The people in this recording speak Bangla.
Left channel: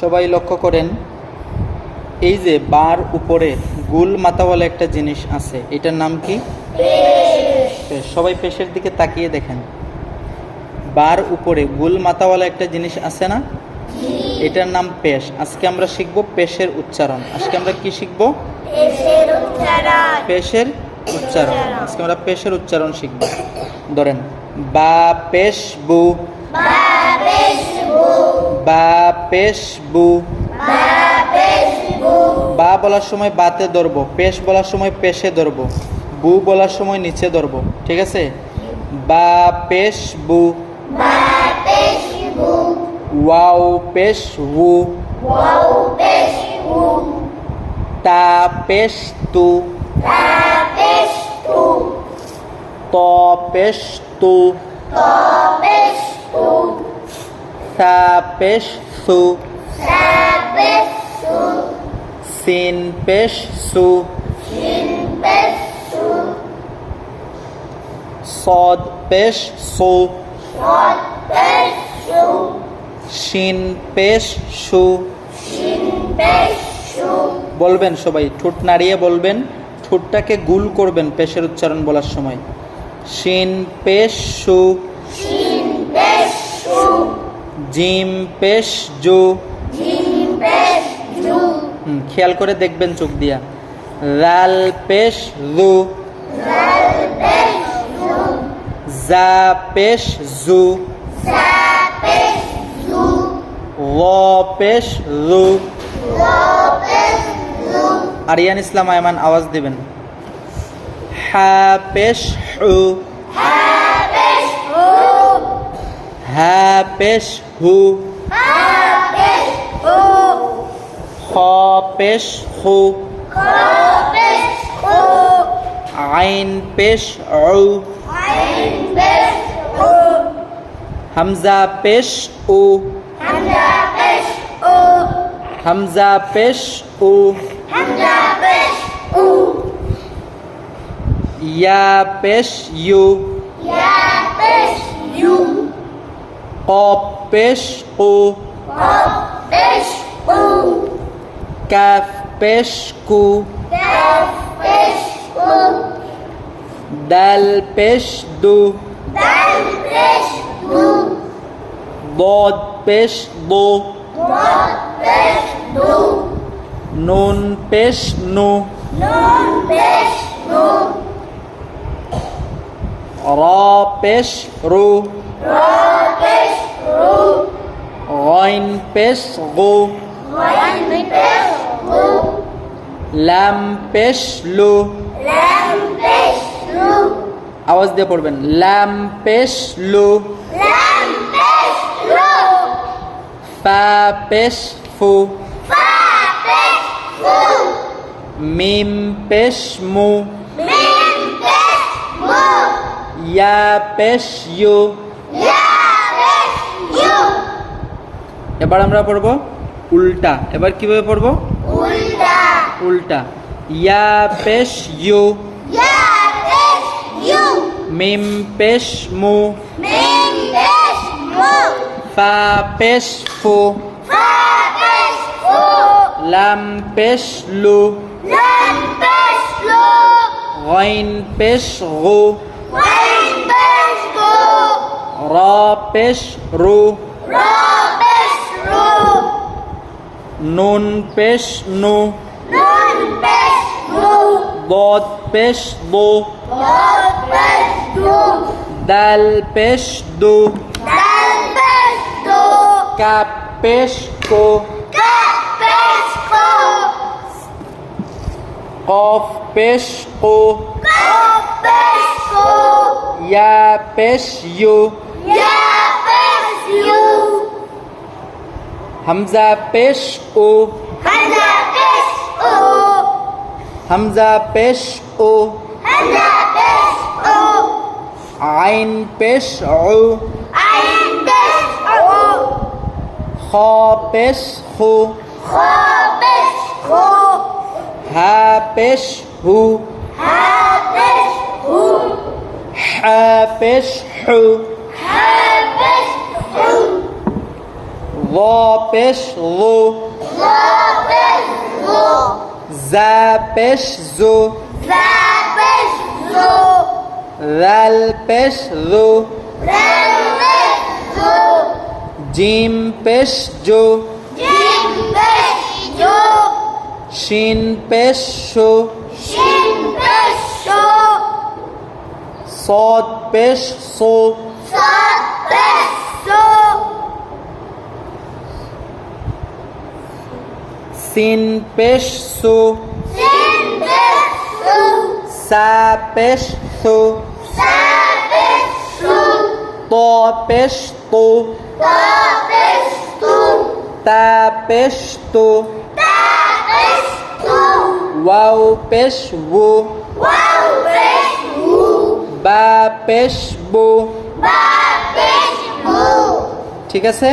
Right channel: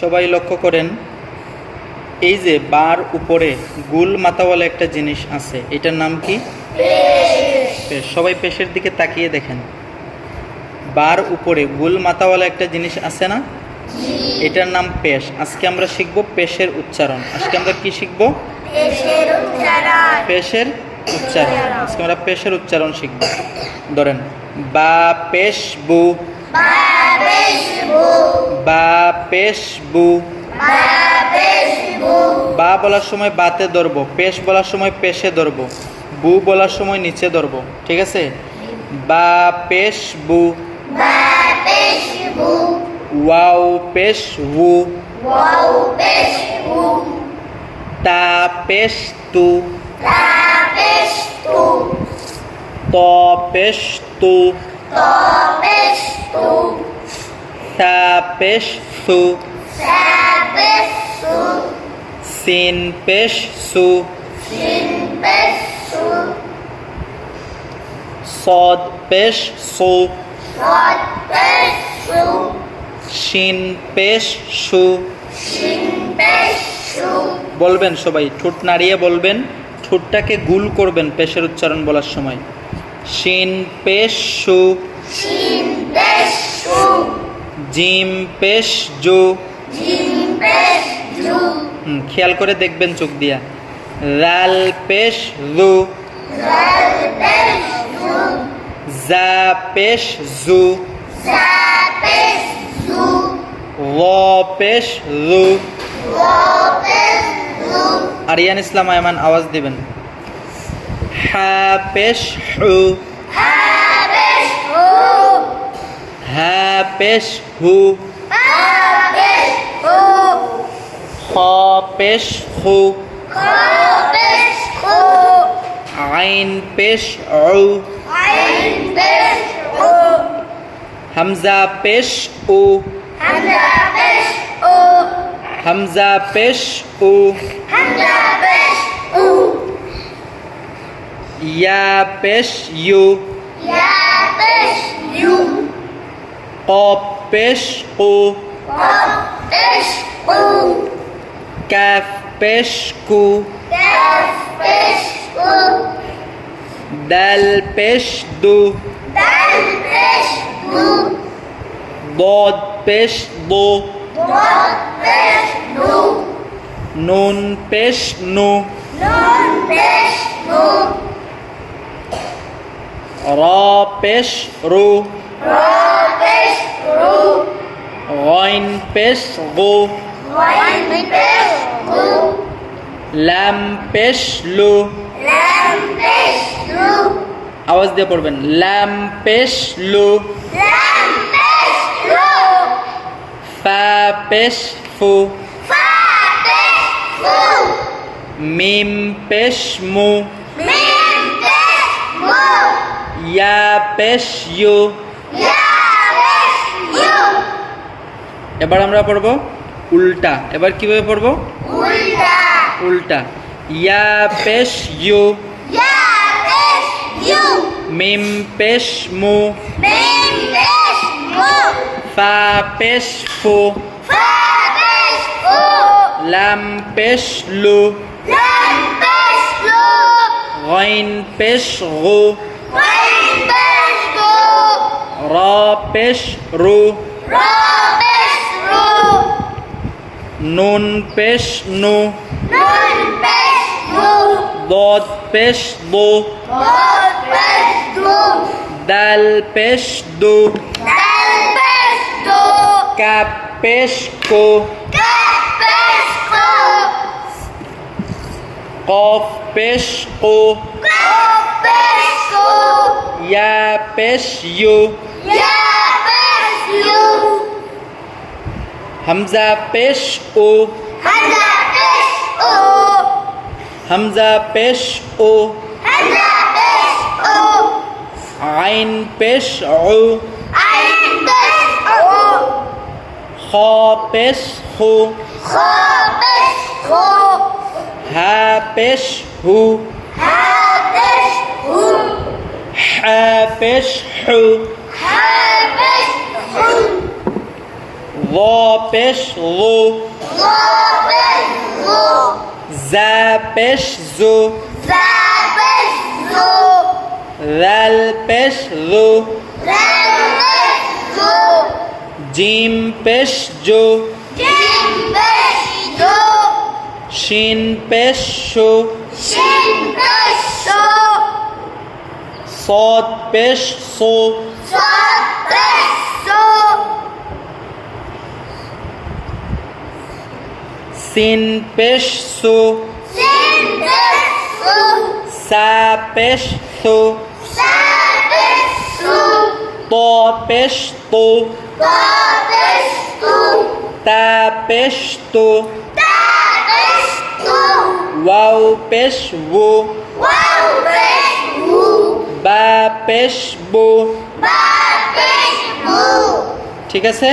সবাই লক্ষ্য করেন, এই যে বার উপরে গোল মাথাওয়ালা একটা জিনিস আছে, এটার নাম কি? পেশ। সবাই পেশের দিকে তাকিয়ে দেখেন, বার উপরে গোল মাথাওয়ালা একটা জিনিস আছে না, এটার নাম পেশ। আজকে আমরা শিখব পেশের উচ্চারণ। আজকে আমরা কি শিখব? পেশের উচ্চারণ। আজকে আমরা পেশের উচ্চারণ শিখব। ধরেন, বা পেশ বু, বা পেশ বু। বা বলার সময় বাতে ধরবো, পেশ বলার সময় পেশে ধরবো, বু বলার সময় নিচে ধরবো। ঠিক আছে? বা পেশ বু, ওয়াও পেশ হু, তা পেশ তু, ত পেশ তু, সা পেশ সু, সিন পেশ সু, সদ পেশ সু, শিন পেশ সু। বলবেন সবাই, ঠোঁট নাড়িয়ে বলবেন, ঠোঁটটাকে গুল করবেন পেশের উচ্চারণ বলার সময়। শিন পেশ সু, জিম পেশ জু। খেয়াল করে দেখবেন চোখ দিয়া। রাল পেশ রু, জা পেশ জু, ল পেশ রু। আরিয়ান ইসলাম আয়মান আওয়াজ দিবেন। হা পেশ হু, হা পেশ হু, খ পেশ হু, আইন পেশ উ, হামজা পেশ উ, হামজা পেশ উ, ইয়া পেশ ইউ, কফ পেশ কু, কাফ পেশ কু, দাল পেশ দু, ضاد পেশ বু, নুন পেশ নু, রা পেশ রু, গাইন পেশ গু, লাম পেশ লু। আওয়াজ দিয়ে পড়বেন, লাম পেশ লু, ফা পেশ ফু, মিম পেশ মু, ইয়া পেশ ইউ। এবার আমরা পড়ব উল্টা। এবার কিভাবে পড়ব? উল্টা। ইয়া পেশ ইউ, মিম পেশ মু, ফা পেশ ফু, লাম পেশ লু, গাইন পেশ গু, রা পেশ রু, নুন পেশ নু, ضاد পেশ দু, দাল পেশ দু, কাপ পেশ কো, কফ পেশ কো, ইয়া পেশ ইউ, হামজা পেশ ও, হামজা পেশ ও, আইন পেশ উ, খ পেশ খু, হা পেশ হু, হা পেশ হু, র পেশ রু, জা পেশ জু, রাল পেশ রু, জিম পেশ জু, শিন পেশ শু, صاد পেশ সু, সিন পেশ সু, সা পেশ সু, ত পেশ তু, তা পেশ তু, ওয়াও পেশ ওয়ু, বা পেশ বু। ঠিক আছে?